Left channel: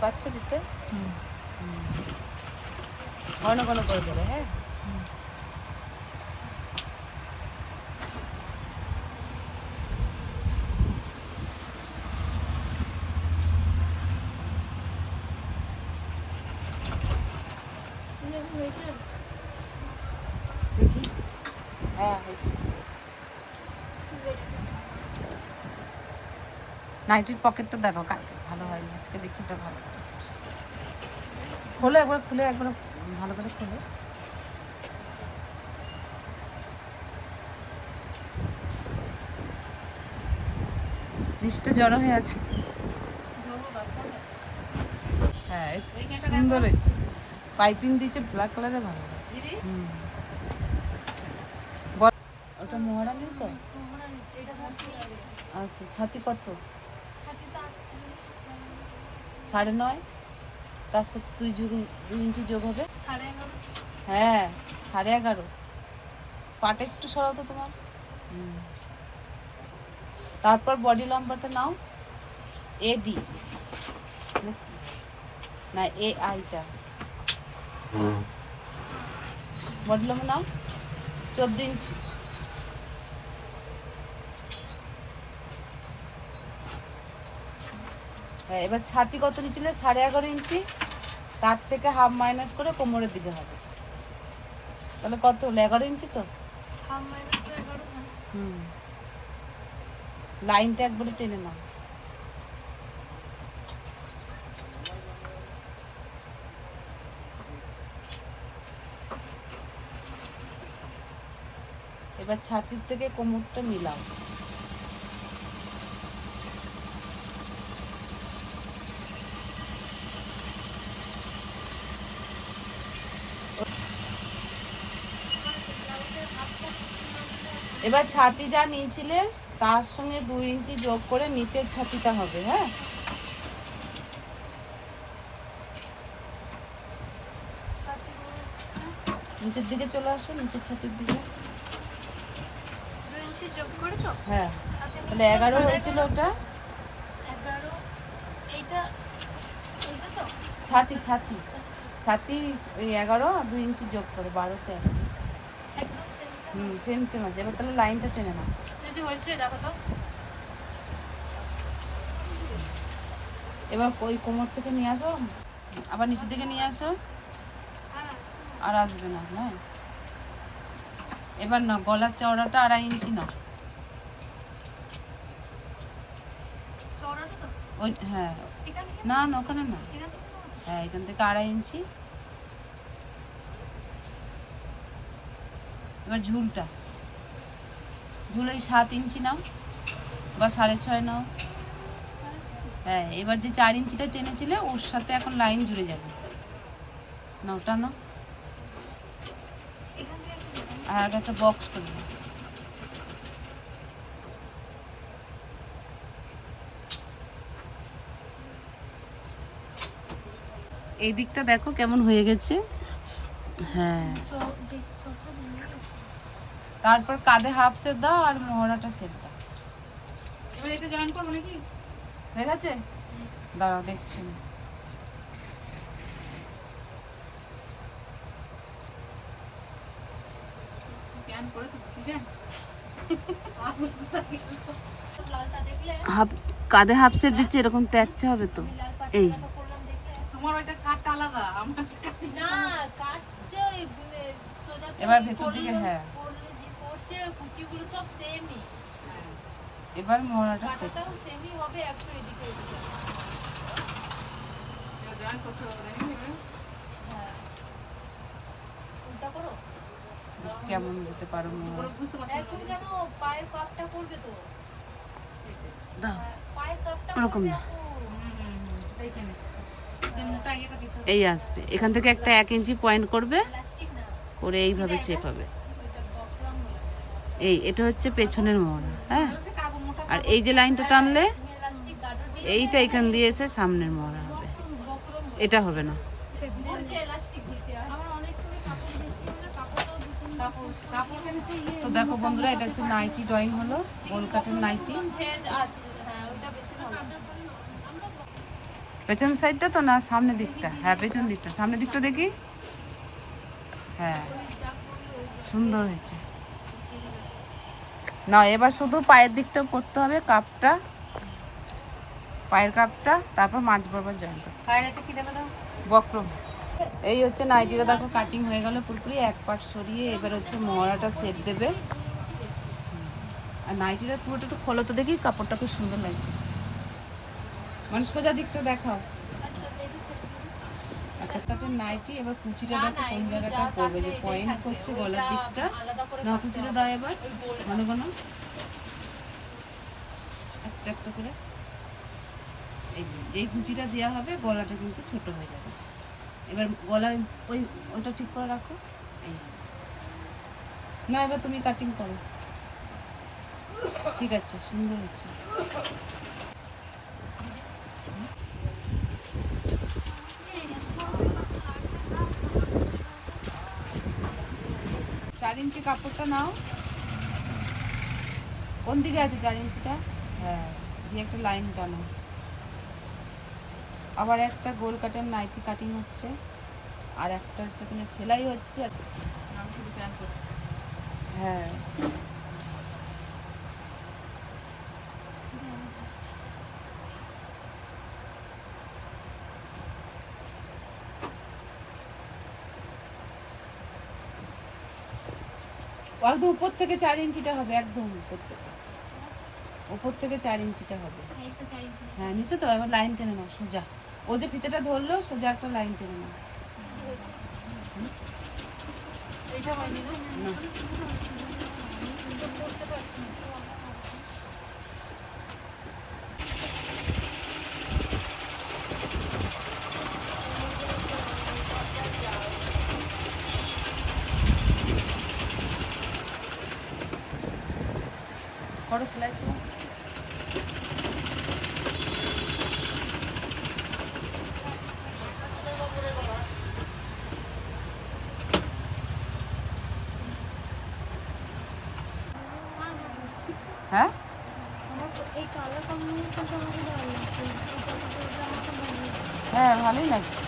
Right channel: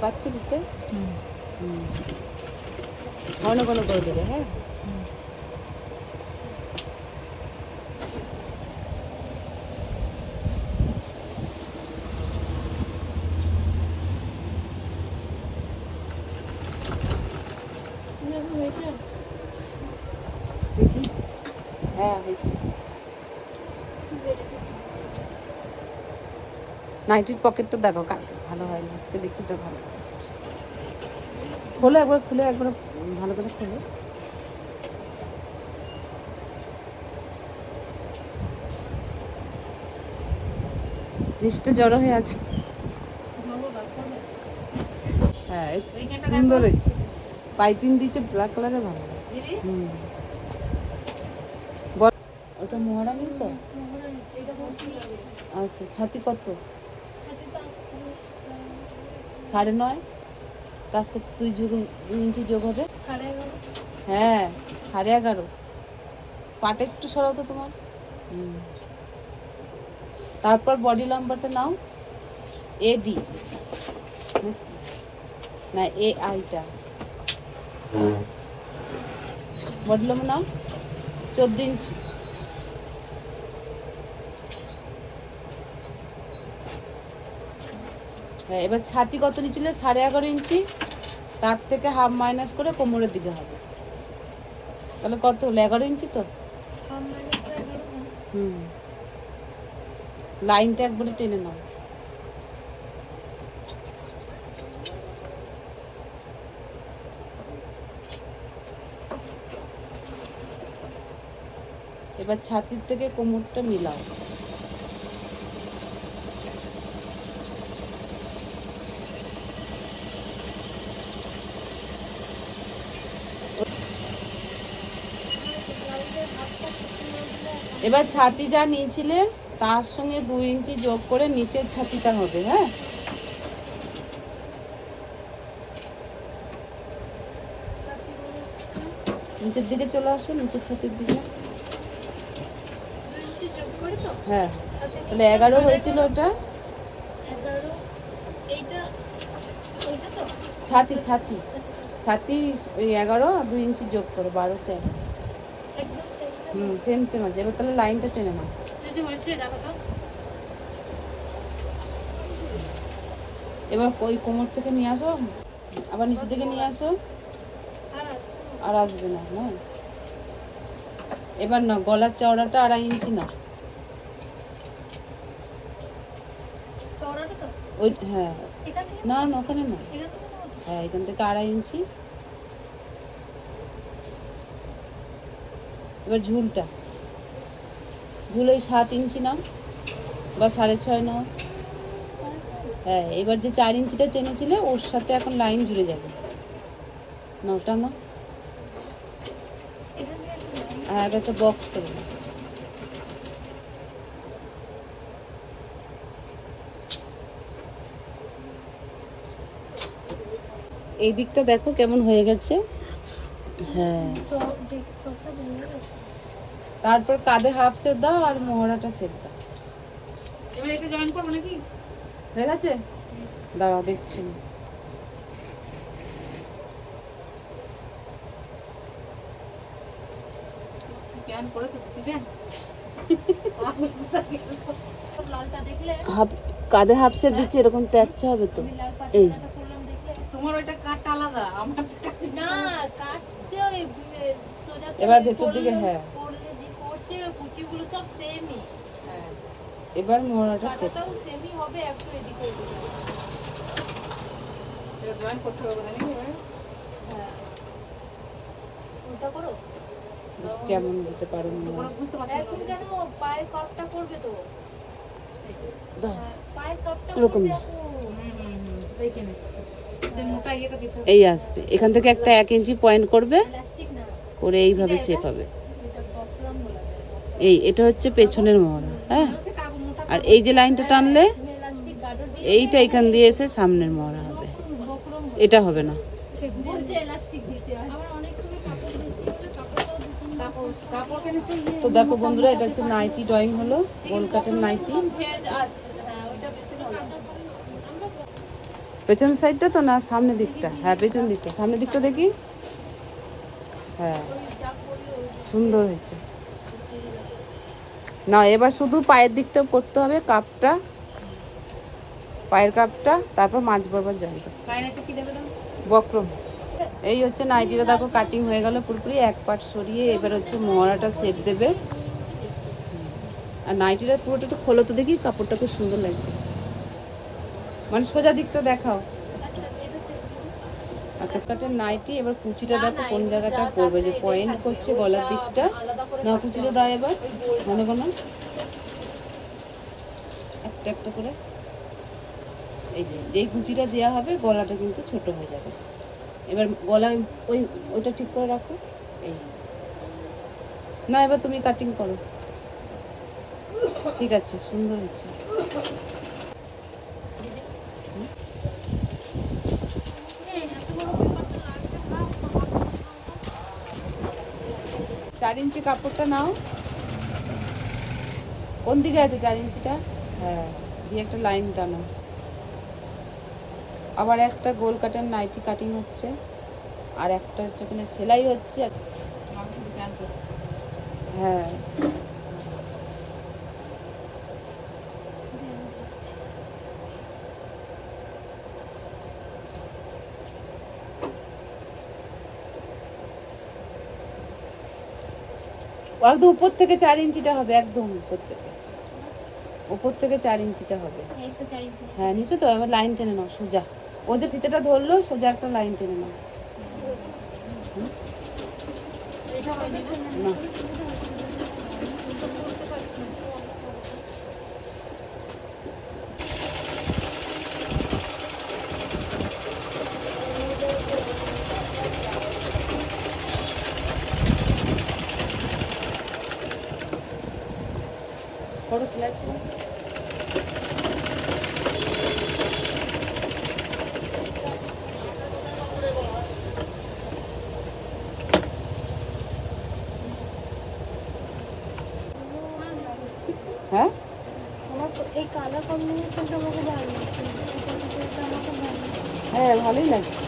পাচ্ছি দিতে। ঘন ঘন করে দেবে। হ্যাঁ, নাইটির পকেটটা দেখো কালকে ভালো হয় না, আজকে দেখি তো ভালো খোলো একবার, খুলে একবার ভালো করে খোলো। নিচটা জড়ো হয়ে আছে। হ্যাঁ সুন্দর হয়েছে, পাইপিং দিয়েছে ব্ল্যাক কালারে, ভালো। ওটা মোহরা নেই তো? আচ্ছা, ছাতি কত? 9.5। তার সাথে 2 ইঞ্চি যোগ হবে 11.5। হ্যাঁ 11.5। পাটে একটু সরাতো তোমার। তারপর বডি লম্বাটা নাও, এডি না এ আইটা, বডি লম্বা নাও 14 ইঞ্চি। এবার ছাতি কত নিচ্ছিলে? 11.5 ইঞ্চি। তার থেকে হাফ মাইনাস করে কোমরের দিকে হবে, তাহলে কত হলো? 11 ইঞ্চি তো। লাইনটা একবারে টেনে নাও। এবার ছাতির থেকে কোমরটা মিলাও। এবার ছাতি যা নিয়েছিলে তার সঙ্গে 2 ইঞ্চি যোগ করে নিচের ছাতিটা হবে। হ্যাঁ, নিচের দিকে চলে আসো, নিচের ছাতির দিকে। 2 ইঞ্চি যোগ করে তো? হ্যাঁ, তাহলে 11 হয়েছিল ওটা। 11 এইটা তো ছাতি ছাতি ছাতি 11, 2 ইঞ্চি যোগ করে 12তে একদম সেম সেম আছে। এবার তাহলে লাইনটা টেনে নাও। এবার ওই কোমর থেকে নিয়ে আসো, আবার নিচে থেকে নিয়ে আসো, আর আসবে না। হ্যাঁ, এবার না গলার চওড়াটা 2.5 ইঞ্চি নাও। ওই হ্যাঁ, না না ওখানে না, হ্যাঁ এখান থেকে 2.5 ইঞ্চি। এবার ঝুলটা, ঝুল ওই 7 ইঞ্চি নাও বা 6.5 নাও। হ্যাঁ, এবার যে 4 ইঞ্চিটা টেনেছিলে ওর সাথে এখন লাইন জুড়ে যাবে। না ওটা না, আর আগে একটা বক্স করে নাও। এই দিকটা দেখো কেমন হয়ে গেছে। হ্যাঁ, তারপর কাঁধে হাফ সেট দাও আর মোহরাটা সেট দাও। এবার এটা জয়েন করবো নাকি? হয়ে গেছে, দাঁড়াও দেখছি। কাঁধে হাফ সেট দিচ্ছে, এরকম ত্যাগছে হবে তো। এই তোমার ওইটা কাটটা আলাদা, আমার না কাটছে ওই সোজা। এবার ভেতর দিকে হ্যাঁ পড়ছে, কুচিগুলো সব সেমই। হ্যাঁ, এবার মোহরাটা সেটটাও সেমই হবে, একটু এদিকে এটা জয়েন করতে হবে জানি। হ্যাঁ, ওটা করো কেমন দিতে পারো বুঝতে পারছো? এখন কেন পায়ের কাপটা করবে তো, দাও পায়ের কাপটা এরকম না। দেখে নে এই আসবে, এখান থেকে একটা 1 ইঞ্চি পয়েন্ট করবে, করে এইভাবে শেপ হবে। এই এটা হচ্ছে পেছনের মোহরা। হ্যাঁ, আর এই যে লাইনটা টানলে এইটা এখান দিয়ে এসে সামনের মোহরা হবে, এটা হবে না। তো দেখো বন্ধুরা, এটা হচ্ছে নাইটি ড্রয়িং হলো, গোল কাটের নাইটি। পেছন সাইডটা তো না, সামনের দিকটা? হ্যাঁ পেছন দিকটা, সামনের দিকটা দেখি। হ্যাঁ সুন্দর হয়েছে। না এবার শুধু পায়ের দিকটা করতে হবে, কাপটা, পায়ের কাপটা, তারপর মাঝ বরাবর জলটা। বক্রম। এই হচ্ছে নাইটিটা, দেখো কাটিং হয়ে গেল পুরোপুরি, এক পাট সরিয়ে এবার হচ্ছে মোহরাটা শেপ দেবে। আর নাইটিটা পুরোটা একটু খোলো তো দেখি, কাপড়টা খুব সুন্দর লাগছে। মানে সোজা দিকটা দেখাও। আচ্ছা কাটের নাইটি, এবার কুচিটা দেখো কোন জায়গাটা পড়বে, যে পয়েন্ট করছে গলার দিকটা। না কুচিটা দাও এবার ঘন ঘন, একটা একটা করে। এই যে এই কুচিটা দেওয়া হবে, গলাটা কিন্তু ছোট হয়ে যাবে। এবার গলায় ওইটা ঠিক করে রাখো। এই না এবার তুমি কাটিং করো। ঠিক আছে, সুন্দর হচ্ছে। 4 ইঞ্চি কাপড়টা নাও। কোন দিকে আছে 4 ইঞ্চিটা? হ্যাঁ, দিয়ে একটা লাইন টানো। আবার একটা গোল কাটের নাইটি কাটিং হচ্ছে, আর একটা হচ্ছে এখানে সেলাই হচ্ছে। হ্যাঁ একদম উপর থেকে 4 ইঞ্চিটা হবে, একদম উপর থেকে 4 ইঞ্চিটা হবে। হ্যাঁ নিচে তো এবার লাইন টেনে নাও সোজা। ও যে ফিতেটা ধরলো, সোজা একটা লাইন টেনে নাও। করো সেলাই করো। হ্যাঁ হ্যাঁ ভালোই লাগছে।